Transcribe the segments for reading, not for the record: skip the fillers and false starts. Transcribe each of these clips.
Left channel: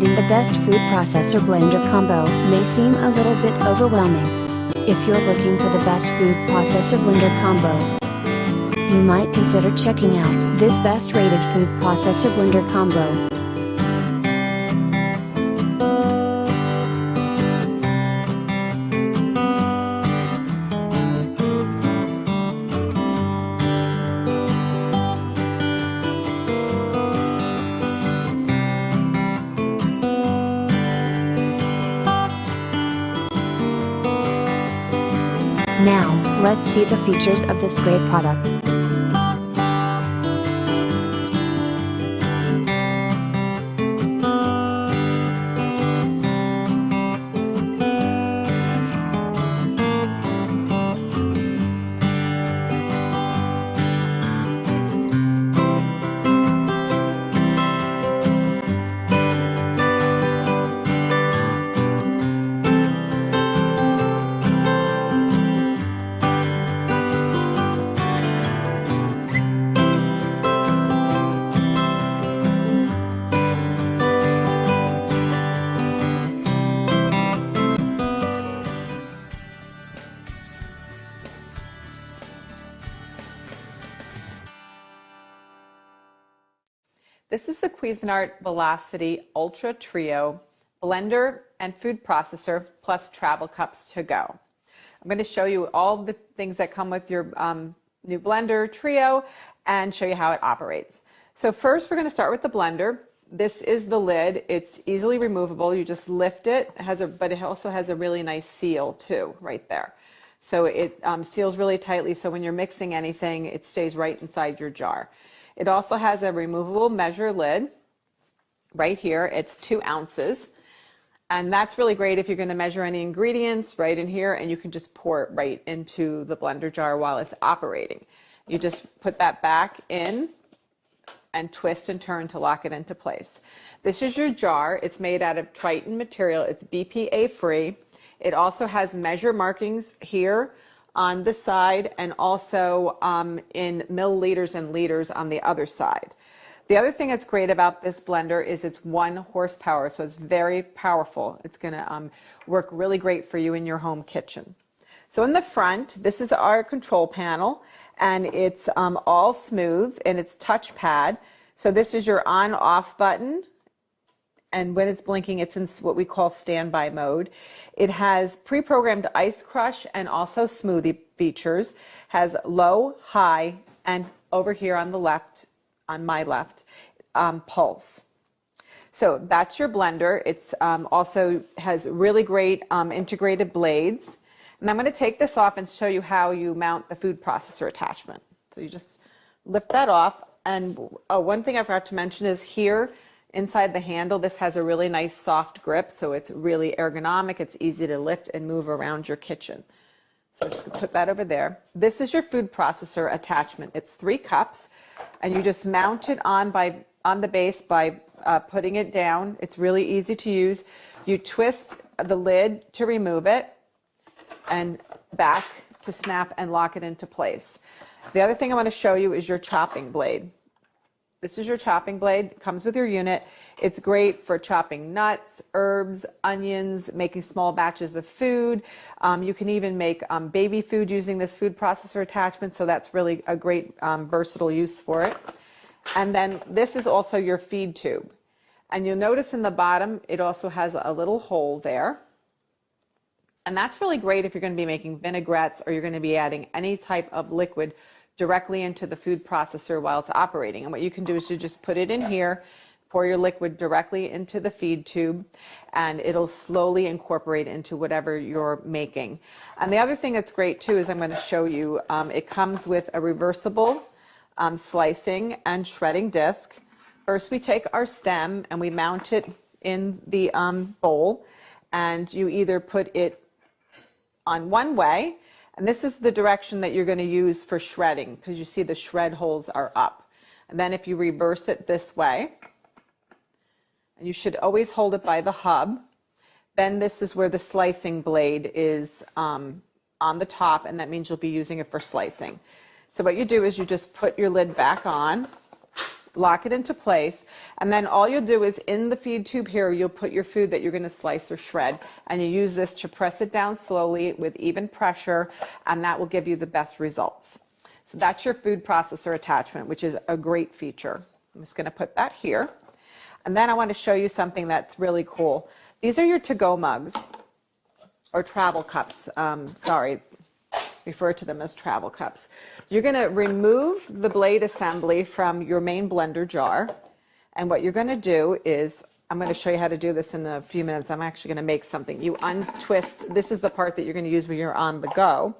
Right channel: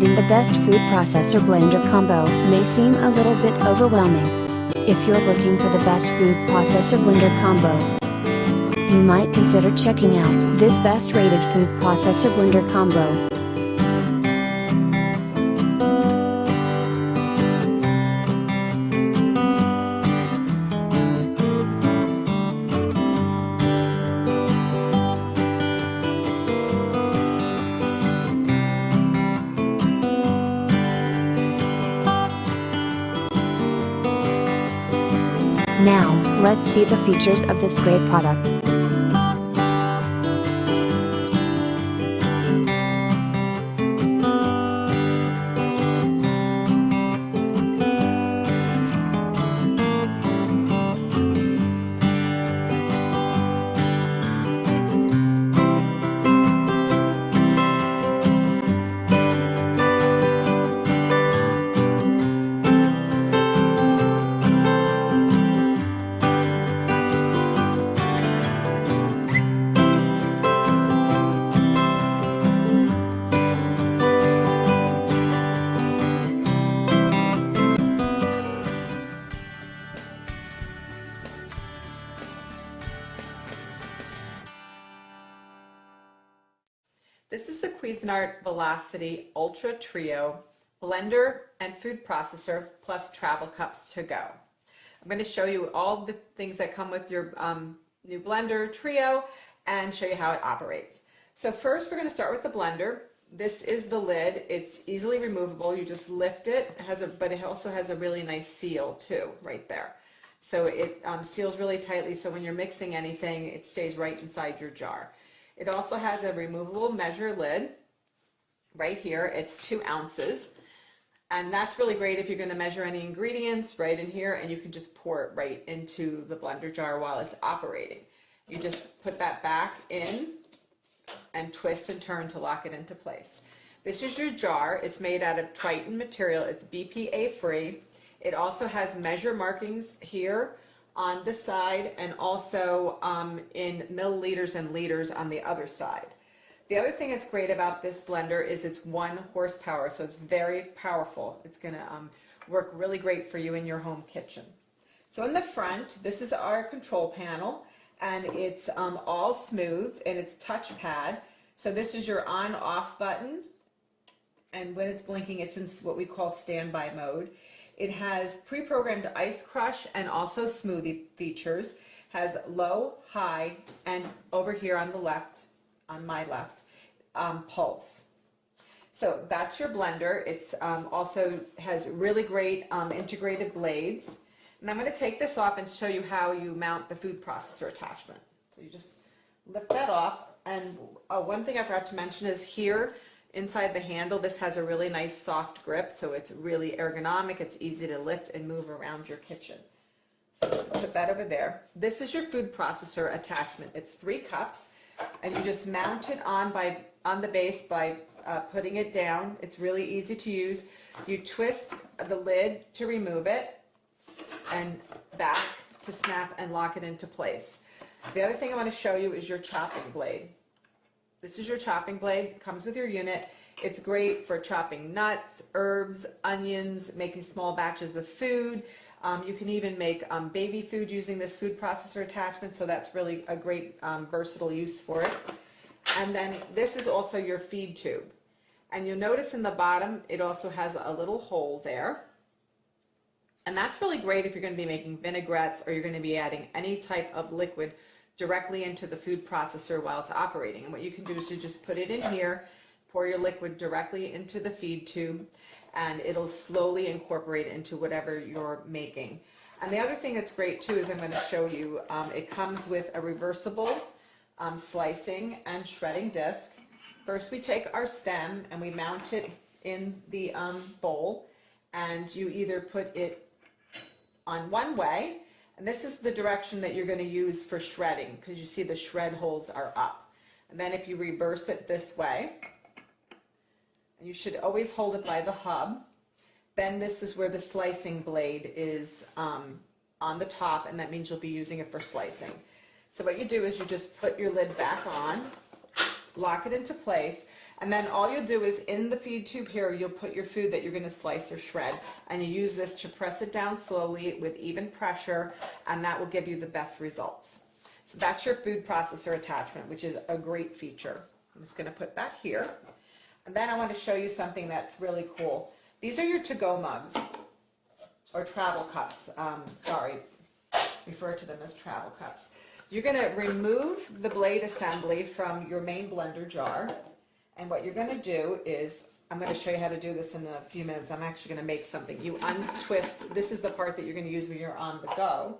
Finding the best food processor blender combo may seem a little bit overwhelming. If you're looking for the best food processor blender combo, you might consider checking out this best rated food processor blender combo. Now, let's see the features of this great product. This is the Cuisinart Velocity Ultra Trio blender and food processor plus travel cups to go. I'm going to show you all the things that come with your new blender trio and show you how it operates. So first we're going to start with the blender. This is the lid. It's easily removable. You just lift it. But it also has a really nice seal too right there. So it seals really tightly, so when you're mixing anything, it stays right inside your jar. It also has a removable measure lid right here. It's 2 ounces. And that's really great if you're going to measure any ingredients right in here, and you can just pour it right into the blender jar while it's operating. You just put that back in and twist and turn to lock it into place. This is your jar. It's made out of Triton material. It's BPA free. It also has measure markings here on the side, and also in milliliters and liters on the other side. The other thing that's great about this blender is it's 1 horsepower, so it's very powerful. It's going to work really great for you in your home kitchen. So in the front, this is our control panel, and it's all smooth, and it's touchpad. So this is your on-off button, and when it's blinking, it's in what we call standby mode. It has pre-programmed ice crush and also smoothie features, has low, high, and over here on the left, on my left, pulse. So that's your blender. It's also has really great integrated blades. And I'm going to take this off and show you how you mount the food processor attachment. So you just lift that off. And one thing I forgot to mention is here, inside the handle, this has a really nice soft grip, so it's really ergonomic. It's easy to lift and move around your kitchen. So I'm just going to put that over there. This is your food processor attachment. It's 3 cups, and you just mount it on the base by putting it down. It's really easy to use. You twist the lid to remove it, and back to snap and lock it into place. The other thing I want to show you is your chopping blade. This is your chopping blade. It comes with your unit. It's great for chopping nuts, herbs, onions, making small batches of food. You can even make baby food using this food processor attachment, so that's really a great versatile use for it. And then this is also your feed tube. And you'll notice in the bottom, it also has a little hole there. And that's really great if you're going to be making vinaigrettes, or you're going to be adding any type of liquid directly into the food processor while it's operating. And what you can do is you just put it in here, pour your liquid directly into the feed tube, and it'll slowly incorporate into whatever you're making. And the other thing that's great too is I'm going to show you, it comes with a reversible slicing and shredding disc. First we take our stem and we mount it in the bowl, and you either put it on one way, and this is the direction that you're going to use for shredding, because you see the shred holes are up. And then if you reverse it this way, and you should always hold it by the hub, then this is where the slicing blade is on the top, and that means you'll be using it for slicing. So what you do is you just put your lid back on, lock it into place, And then all you'll do is in the feed tube here, you'll put your food that you're going to slice or shred, and you use this to press it down slowly with even pressure, and that will give you the best results. So that's your food processor attachment, which is a great feature. I'm just going to put that here. And then I want to show you something that's really cool. These are your to-go mugs, or travel cups. Refer to them as travel cups. You're going to remove the blade assembly from your main blender jar. And what you're going to do is, I'm going to show you how to do this in a few minutes. I'm actually going to make something. You untwist, this is the part that you're going to use when you're on the go.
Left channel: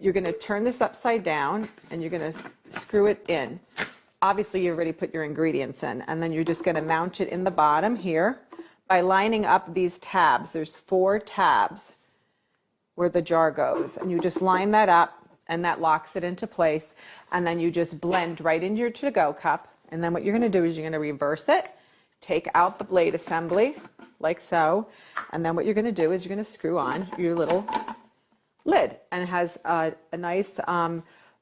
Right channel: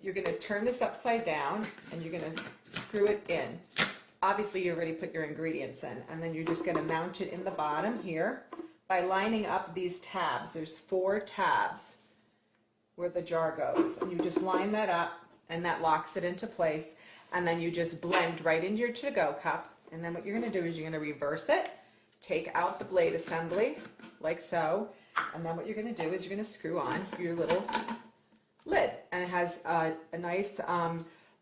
You're going to turn this upside down and you're going to screw it in. Obviously, you already put your ingredients in, and then you're just going to mount it in the bottom here by lining up these tabs. There's 4 tabs where the jar goes, and you just line that up, and that locks it into place, and then you just blend right into your to-go cup. And then what you're going to do is you're going to reverse it, take out the blade assembly like so, and then what you're going to do is you're going to screw on your little lid, and it has a nice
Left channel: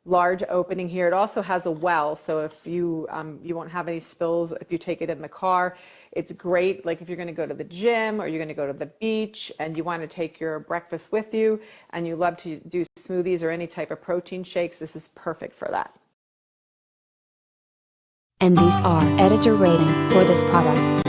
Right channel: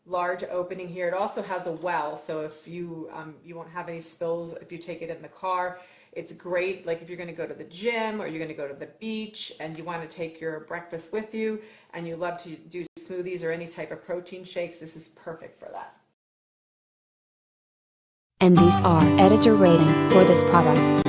large opening here. It also has a well, so if you won't have any spills if you take it in the car. It's great, like if you're going to go to the gym or you're going to go to the beach and you want to take your breakfast with you and you love to do smoothies or any type of protein shakes, this is perfect for that. And these are editor rating for this product.